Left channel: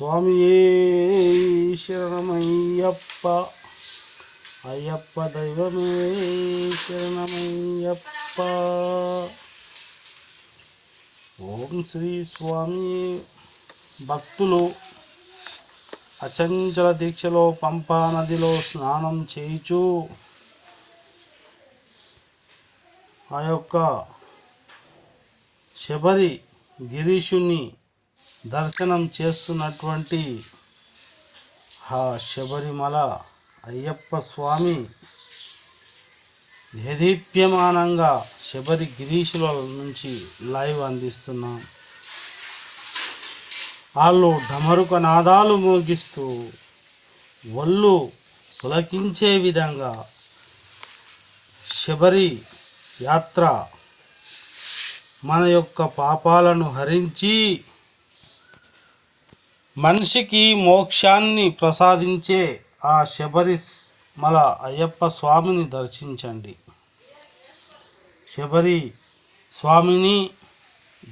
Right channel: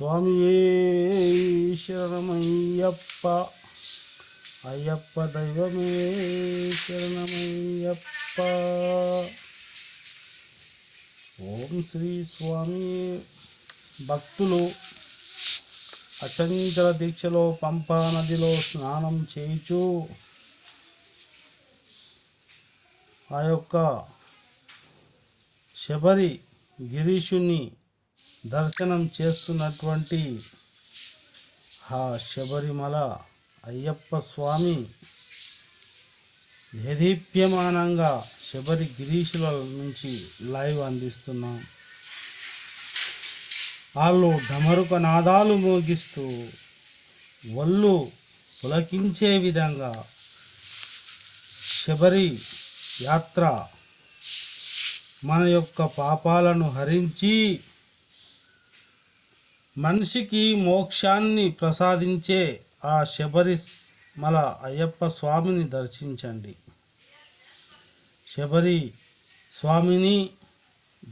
స్వామియే శరణమయ్యప్ప అయ్యప్ప దైవమే శరణమయ్యప్ప. ఓం శ్రీ స్వామి. భక్తులు అచంచల దీక్షలో పంపా నదిలో స్నానం చేయుచు ఆ యొక్క శబరి గిరీషుని దర్శనం చేస్తున్నటువంటి ఆ శబరిమల అయ్యప్ప స్వామి దేదీప్యమానంగా శబరి గిరీషుల నుంచి లైవ్ అందిస్తున్నాం. వాళ్ళు ఢమరుక నాదాలు మోగిస్తూ ఒళ్ళు పులకించే విధంగా శబరి యాత్ర మన యొక్క పాపాలను హరించి మనిషికి మోక్షాన్ని ప్రసాదించే ఆ శబరిమల అయ్యప్ప స్వామిని దర్శించండి. శబరి స్వామిని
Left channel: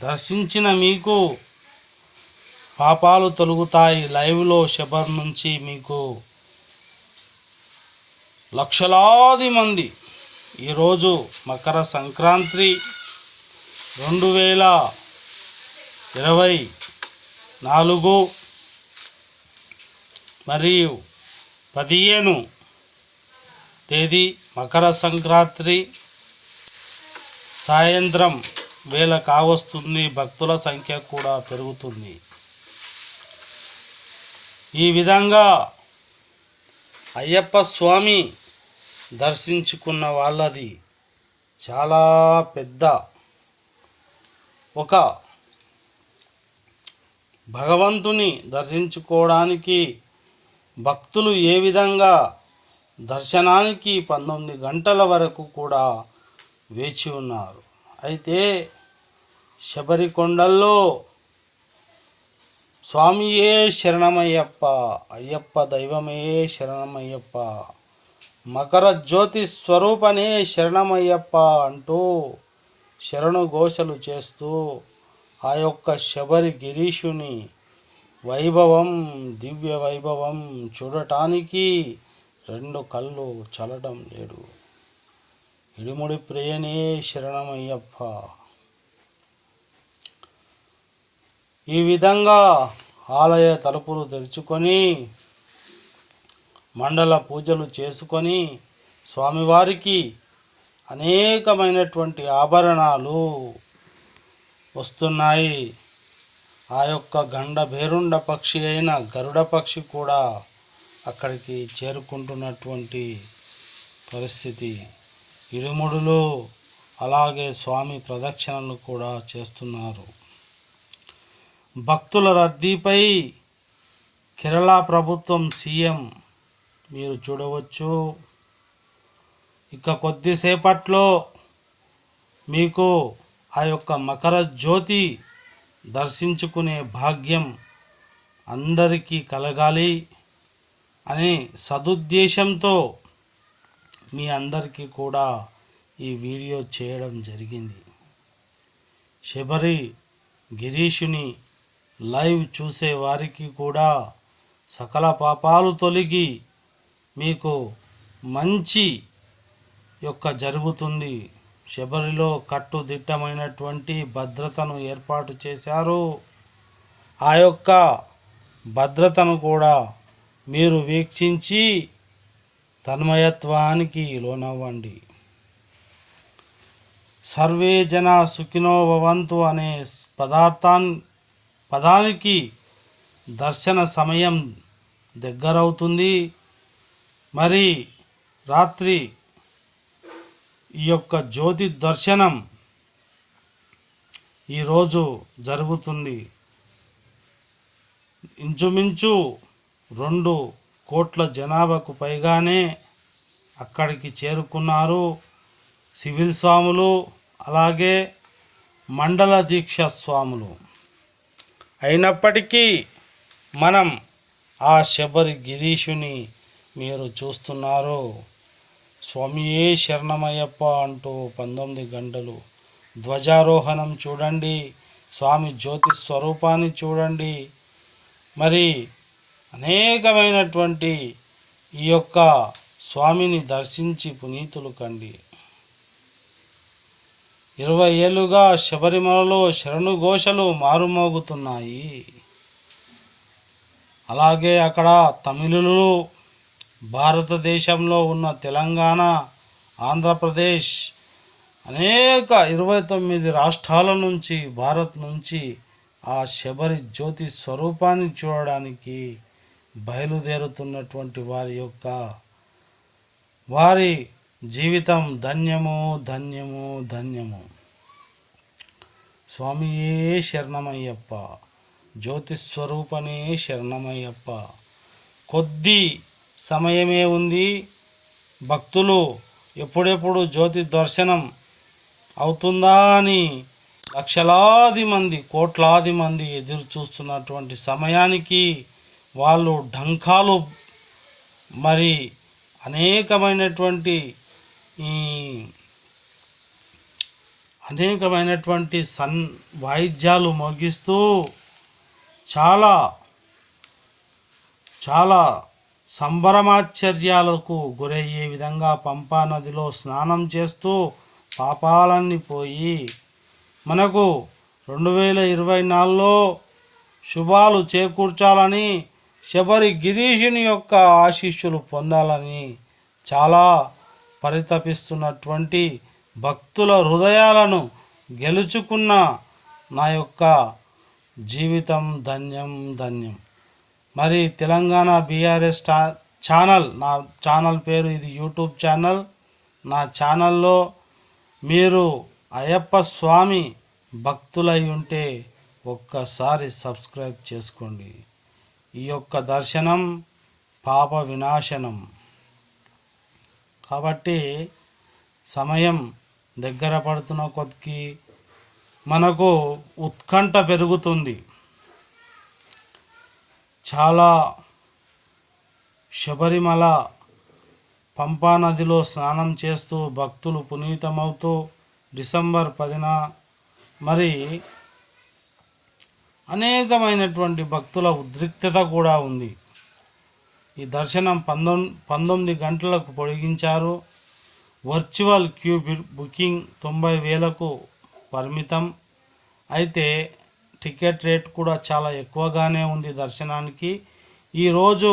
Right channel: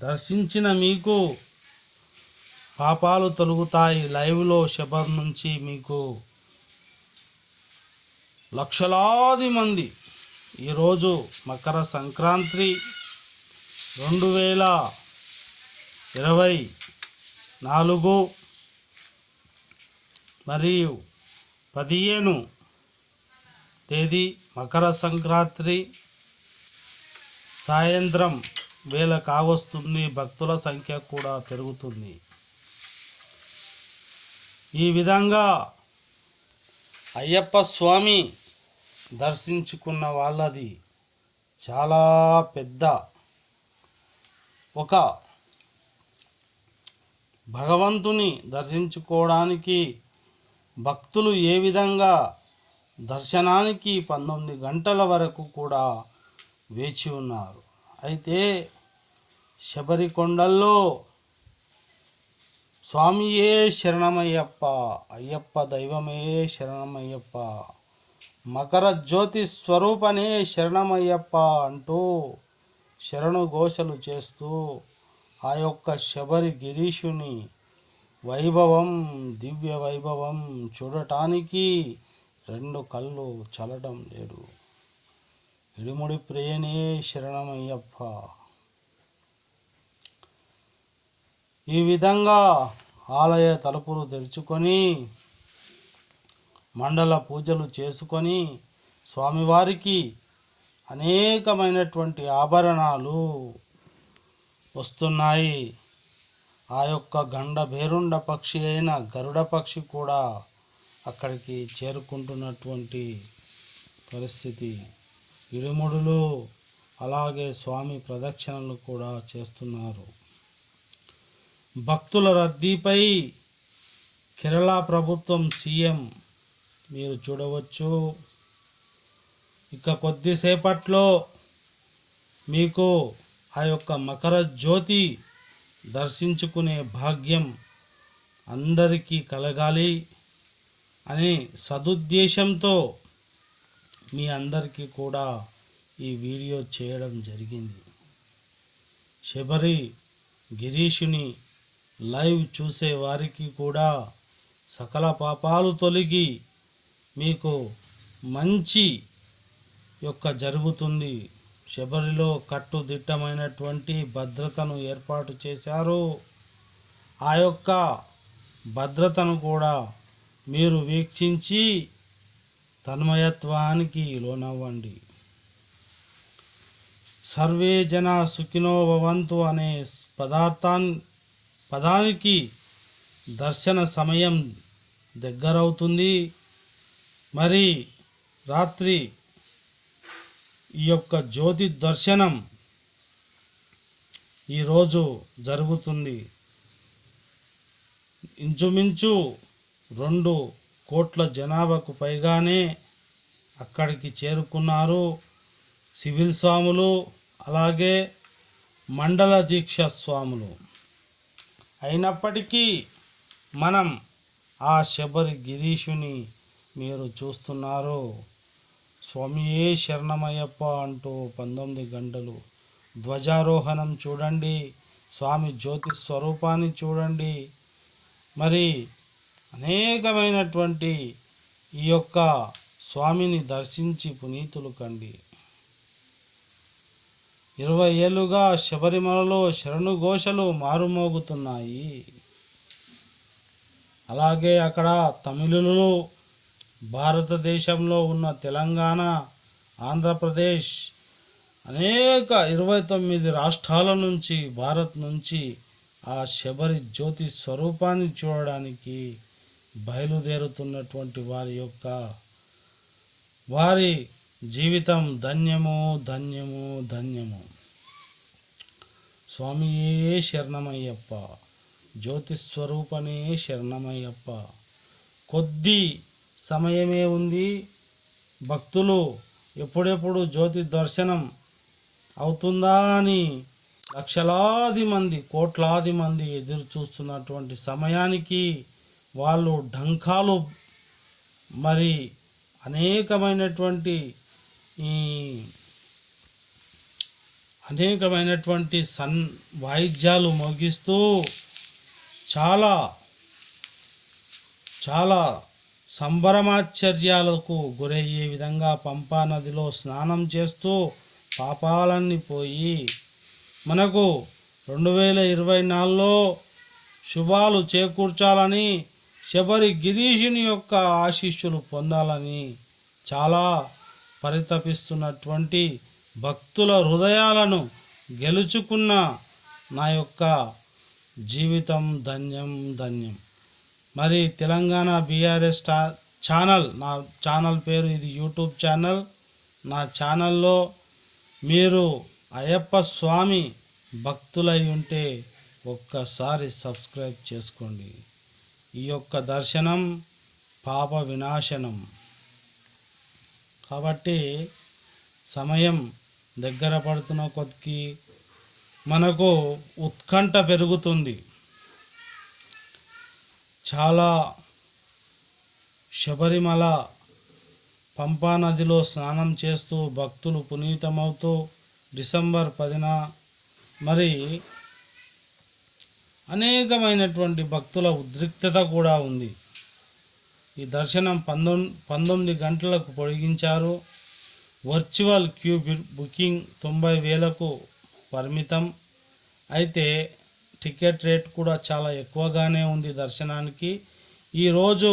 దర్శించిన మీకు పాపాలు తొలగుతాయి. లైవ్లో శబరి నుంచి మీకు లక్షలాది మంది ఈరోజు మకర సంక్రాంతి 2024 మరియు 15 తేదీ మకర సంక్రాంతి సాయంత్రం వేళ కావస్తుంది. భక్తుల సంఖ్య కూడా పెరుగుతుంది. ఈ విధంగా అయ్యప్ప స్వామి దర్శించుకున్న వాళ్ళది చాలా పెద్ద ఒక భగవంతుని దర్శించుకోవడానికి భక్తులు ఏ విధంగా దర్శనానికి 19 గంటల వరకు కూడా వేచి ఉన్నారు. అయితే శబరికొండల్లో స్వామియే శరణమయ్యప్ప అయ్యప్ప దైవమే శరణమయ్యప్ప మకర జ్యోతి స్వరూపనే శరణమయ్యప్ప అంటూ శరణు ఘోషలు చేస్తూ ఆ యొక్క శబరి గిరీషుని వైభవం దివ్య వైభవం చూడటానికి 2 కళ్ళు చల్లడం లేడు. ఇడుముడి ప్రియనే శరణమయ్యప్ప. ఈ విధంగా ఆలయ తలుపులు తెరుచుకొని మండల పూజలు చేసుకొని స్వామివారికి అనేకమైనటువంటి ఆభరణాలు వస్తున్నాయి. ఆ యొక్క గండ భేరుండ పక్షి అయిన గరుడ పక్షి కూడా అక్కడికి చేరుకుంటున్నటువంటి పరిస్థితి. ఇరుముడులు అలాగే స్వామి ప్రదక్షిణలు కూడా చేస్తున్నారు. భక్తుల రద్దీపై కేరళ ప్రభుత్వం సీఎం మీరు చూడవచ్చు. ఇక కొద్దిసేపట్లో మీకు ఆ యొక్క మకర జ్యోతి దర్శించుకునే భాగ్యం అందరికీ కలగాలి అనే సదుద్దేశంతో మీ అందరికీ కూడా ఈ వీడియో చేయడం జరిగింది. శబరి గిరీషుని లైవ్ చూసే వారికి కూడా సకల పాపాలు తొలగి మీకు మంచి యొక్క జరుగుతుంది. శబరిలో కట్టుదిట్టమైనటువంటి భద్రతను ఏర్పాటు చేశారు. ఆ యొక్క భద్రతను కూడా మీరు వీక్షించి తన్మయత్వానికి లోనవ్వండి. సర్వే జన సుఖినో భవంతు అనే పదానికి దర్శన సమయం దగ్గరవుతుంది. మరి రాత్రి ఈ యొక్క జ్యోతి దర్శనం ఈరోజు జరుగుతుంది. ఇంచుమించు 2 కోట్ల జనాభాకు పైగానే అక్కడికి చేరుకున్నారు. సివిల్ స్వాములు అలాగే మండల దీక్ష స్వాములు. అయినప్పటికీ మనం ఆ శబరి గిరీషుని మీరు చూస్తున్నారు. స్వామియే శరణమయ్యప్ప అంటూ 19 గంటలు ధ్వజారోహణం చూడండి. స్వామి జ్యోతి స్వరూపాన్ని చూడండి. మరి అనేకమైనటువంటి ఈ యొక్క స్వామిని దర్శించి పునీతులు కండి. 20 ఏళ్ళుగా శబరిమలలో శరణు ఘోషలు మారుమోగుతున్నాయి. అలాగే అక్కడ తమిళులు, భారతదేశంలో ఉన్న తెలంగాణ, ఆంధ్రప్రదేశ్ అనేక 29 రాష్ట్రాల నుంచి, భారత్ నుంచి ఆ శబరి జ్యోతి స్వరూపాన్ని చూడడానికి బయలుదేరుతున్నటువంటి వారి జీవితం ధన్యము ధన్యము ధన్యము. స్వామియే శరణమయ్యప్ప, జ్యోతి స్వరూపనే శరణమయ్యప్ప. కొద్ది సమయమే ఉంది. భక్తులు ఎప్పుడెప్పుడు జ్యోతి దర్శనం అవుతుందా అని లక్షలాది మంది, కోట్లాది మంది ఎదురు చూస్తున్నటువంటి సమయానికి వాళ్ళు ఢంకాలు, మరి అనేకమైనటువంటి వాయిద్యాలు మోగిస్తూ చాలా చాలా సంబరమాశ్చర్యాలకు గురయ్యే విధంగా పంపా నదిలో స్నానం చేస్తూ పాపాలన్నీ పోయి మనకు 2024లో శుభాలు చేకూర్చాలని, శబరి గిరీషుని యొక్క ఆశీస్సులు పొందాలని చాలా పరితపిస్తున్నటువంటి భక్తుల హృదయాలను గెలుచుకున్న నా యొక్క జీవితం ధన్యం ధన్యం. మరి తెలంగాణ బీఆర్ఎస్ ఛానల్, నా ఛానల్ పేరు, ఇది యూట్యూబ్ ఛానల్. నా ఛానల్లో మీరు అయ్యప్ప స్వామి భక్తులై ఉంటే ఒక్కసారి సబ్స్క్రైబ్ చేసుకోండి. ఈ యొక్క దర్శనం పాప వినాశనం. కాబట్టి సమయం దగ్గర పడుతున్న కొద్దికి మనకు ఉత్కంఠ పెరుగుతుంది. చాలా శబరిమల పంపా నదిలో స్నానం చేస్తూ భక్తులు పునీతమవుతూ డిసెంబర్ 10న మరి అనేకమైనటువంటి భక్తుల ఉద్రిక్తత కూడా ఉంది. ఈ దర్శనం 19 గంటలకు పొడిగించారు. వర్చువల్ క్యూ బుకింగ్ 90,000కు పరిమితం. అయితే టికెట్ రేట్ కూడా చాలా ఎక్కువగానే ఉంది దర్శనానికి. ఈరోజు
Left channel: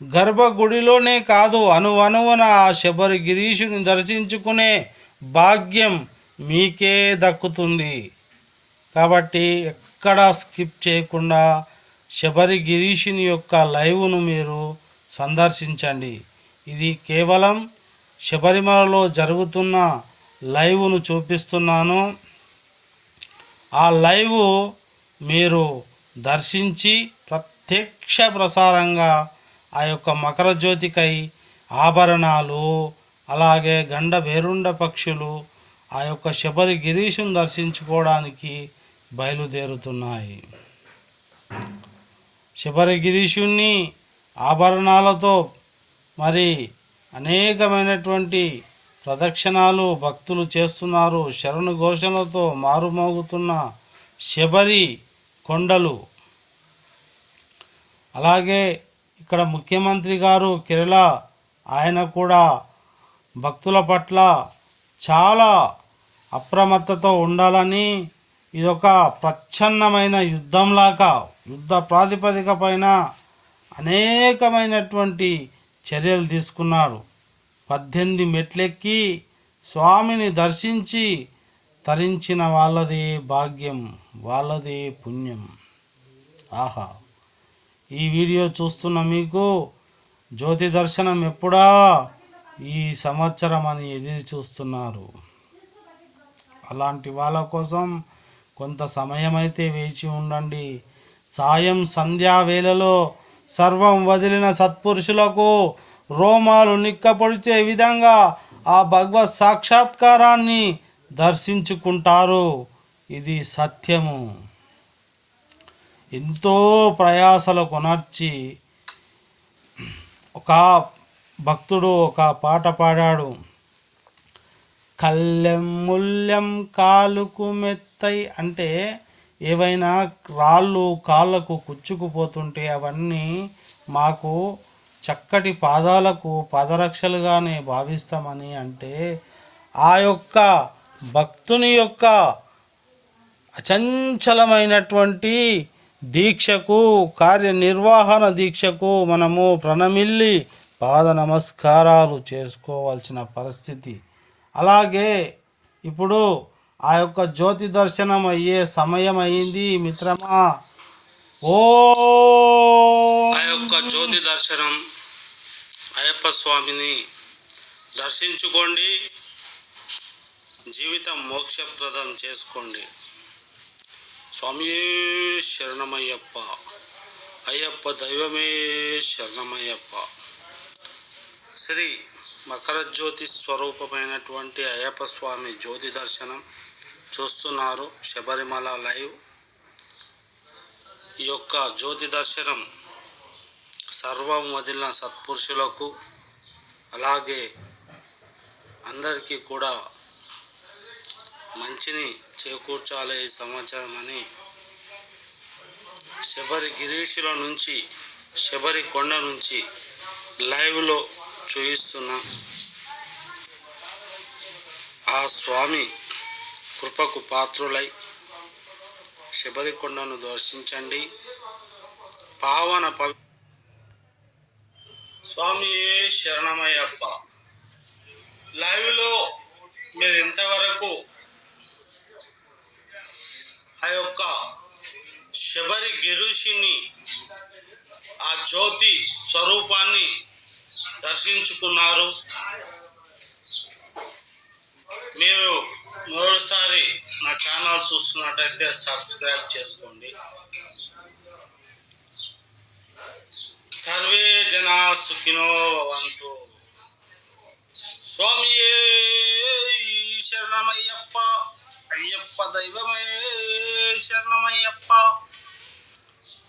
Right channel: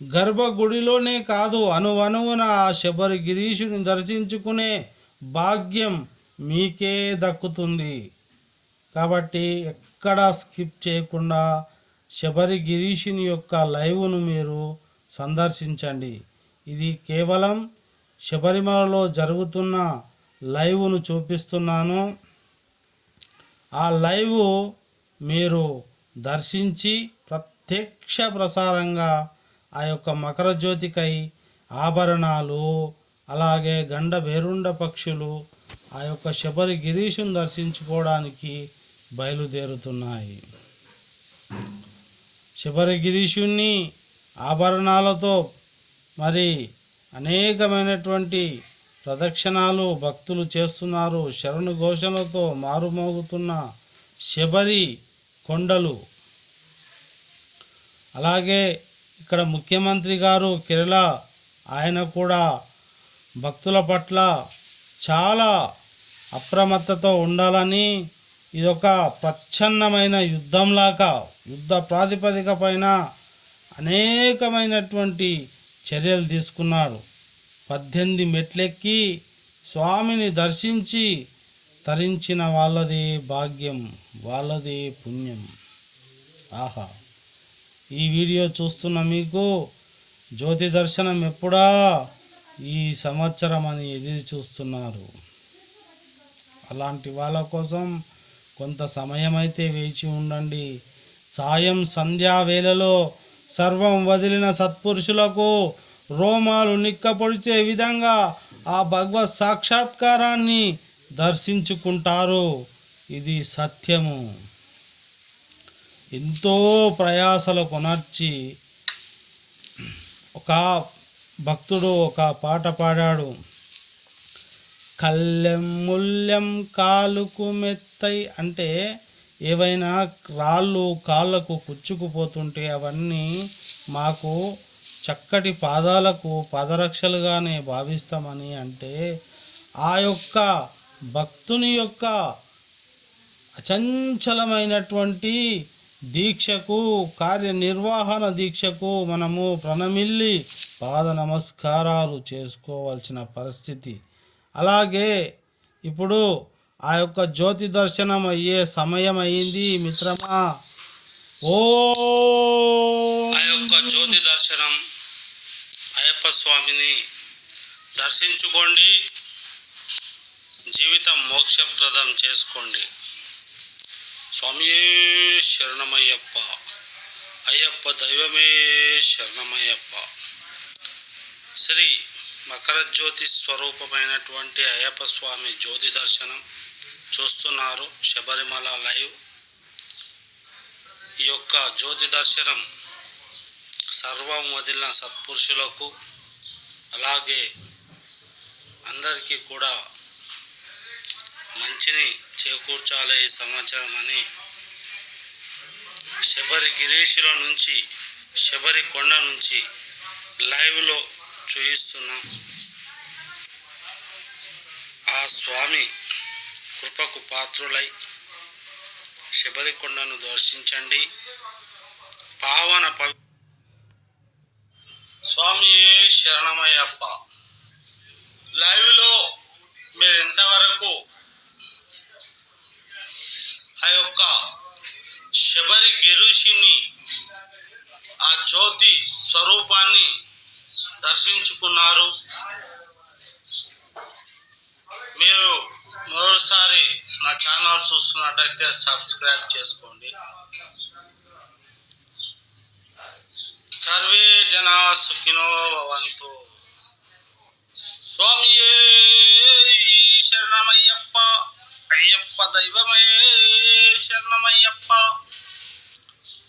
గర్భగుడిలోనే కాదు, అణువణువున ఆ శబరి గిరీషుని దర్శించుకునే భాగ్యం మీకే దక్కుతుంది. కాబట్టి ఎక్కడా స్కిప్ చేయకుండా శబరి గిరీషుని యొక్క లైవ్ను మీరు సందర్శించండి. ఇది కేవలం శబరిమలలో జరుగుతున్న లైవ్ను చూపిస్తున్నాను. ఆ లైవ్ మీరు దర్శించి ప్రత్యక్ష ప్రసారంగా ఆ యొక్క మకర జ్యోతికై ఆభరణాలు, అలాగే గండ భేరుండ పక్షులు ఆ యొక్క శబరి గిరీషుని దర్శించుకోవడానికి బయలుదేరుతున్నాయి. శబరి గిరీషుని ఆభరణాలతో మరి అనేకమైనటువంటి ప్రదక్షిణాలు భక్తులు చేస్తున్నారు. శరణు ఘోషణలతో మారుమోగుతున్న శబరి కొండలు. అలాగే ఇక్కడ ముఖ్యమంత్రి గారు కేరళ, ఆయన కూడా భక్తుల పట్ల చాలా అప్రమత్తతో ఉండాలని, ఇదొక ప్రచ్ఛన్నమైన యుద్ధంలాగా, యుద్ధ ప్రాతిపదిక పైన అనేకమైనటువంటి చర్యలు తీసుకున్నారు. 18 మెట్లెక్కి స్వామిని దర్శించి తరించిన వాళ్ళది భాగ్యం, వాళ్ళది పుణ్యం. ఆహా, ఈ వీడియో చూస్తున్న మీకు జ్యోతి దర్శనం ఎప్పుడా, ఈ సంవత్సరం అని ఎదురు చూస్తున్నారు. అలాంటి వాళ్ళ కోసం కొంత సమయం అయితే వేచి ఉండండి. సాయం సంధ్యా వేళలో సర్వం వదిలిన సత్పురుషులకు రోమాలు నిక్కపొడిచే విధంగా ఆ భగవత్ సాక్షాత్కారాన్ని దర్శించుకుంటారు. ఇది సత్యము. ఎంతో ప్రయాసలు కొనర్చి ఒక భక్తుడు ఒక పాట పాడాడు. కళ్ళెం ముల్యం కాలుకు మెత్తై, అంటే ఏవైనా రాళ్ళు కాళ్ళకు కుచ్చుకుపోతుంటే అవన్నీ మాకు చక్కటి పాదాలకు పాదరక్షలుగానే భావిస్తామని అంటే, ఆ యొక్క భక్తుని యొక్క అచంచలమైనటువంటి దీక్షకు, కార్యనిర్వహణ దీక్షకు మనము ప్రణమిల్లి పాద నమస్కారాలు చేసుకోవాల్సిన పరిస్థితి. అలాగే ఇప్పుడు ఆ యొక్క జ్యోతి దర్శనం అయ్యే సమయం అయింది మిత్రమా. ఓ ఆ యొక్క జ్యోతి దర్శనం అయ్యప్ప స్వామిని దర్శించుకోండి, జీవితం మోక్షప్రదం చేసుకోండి. స్వామియే శరణమయ్యప్ప, అయ్యప్ప దైవమే శరణమయ్యప్ప. శ్రీ మకర జ్యోతి స్వరూపమైనటువంటి అయ్యప్ప స్వామి జ్యోతి దర్శనం చూస్తున్నారు శబరిమల లైవ్. ఈ యొక్క జ్యోతి దర్శనం సర్వం వదిలిన సత్పురుషులకు, అలాగే అందరికీ కూడా మంచిని చేకూర్చాలి ఈ సమాచారం అని శబరి గిరీశుల నుంచి, శబరి కొండ నుంచి లైవ్లో చూయిస్తున్నా. ఆ స్వామి కృపకు పాత్రులై శబరికొండను దర్శించండి. పావన స్వామియే శరణమయ్యప్ప. లైవ్లో మీరు ఇంతవరకు ఆ యొక్క శబరి గిరీశుని, ఆ జ్యోతి స్వరూపాన్ని దర్శించుకున్నారు. మీరు మరోసారి నా ఛానల్ చూస్తున్నట్టయితే సబ్స్క్రైబ్ చేసుకోండి. సర్వే జనా సుఖినో భవంతు. స్వామియే శరణమయ్యప్ప, అయ్యప్ప దైవమే శరణమయ్యప్ప,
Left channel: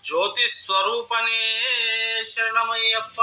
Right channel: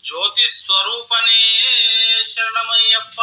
జ్యోతి స్వరూపనే శరణమయ్యప్ప.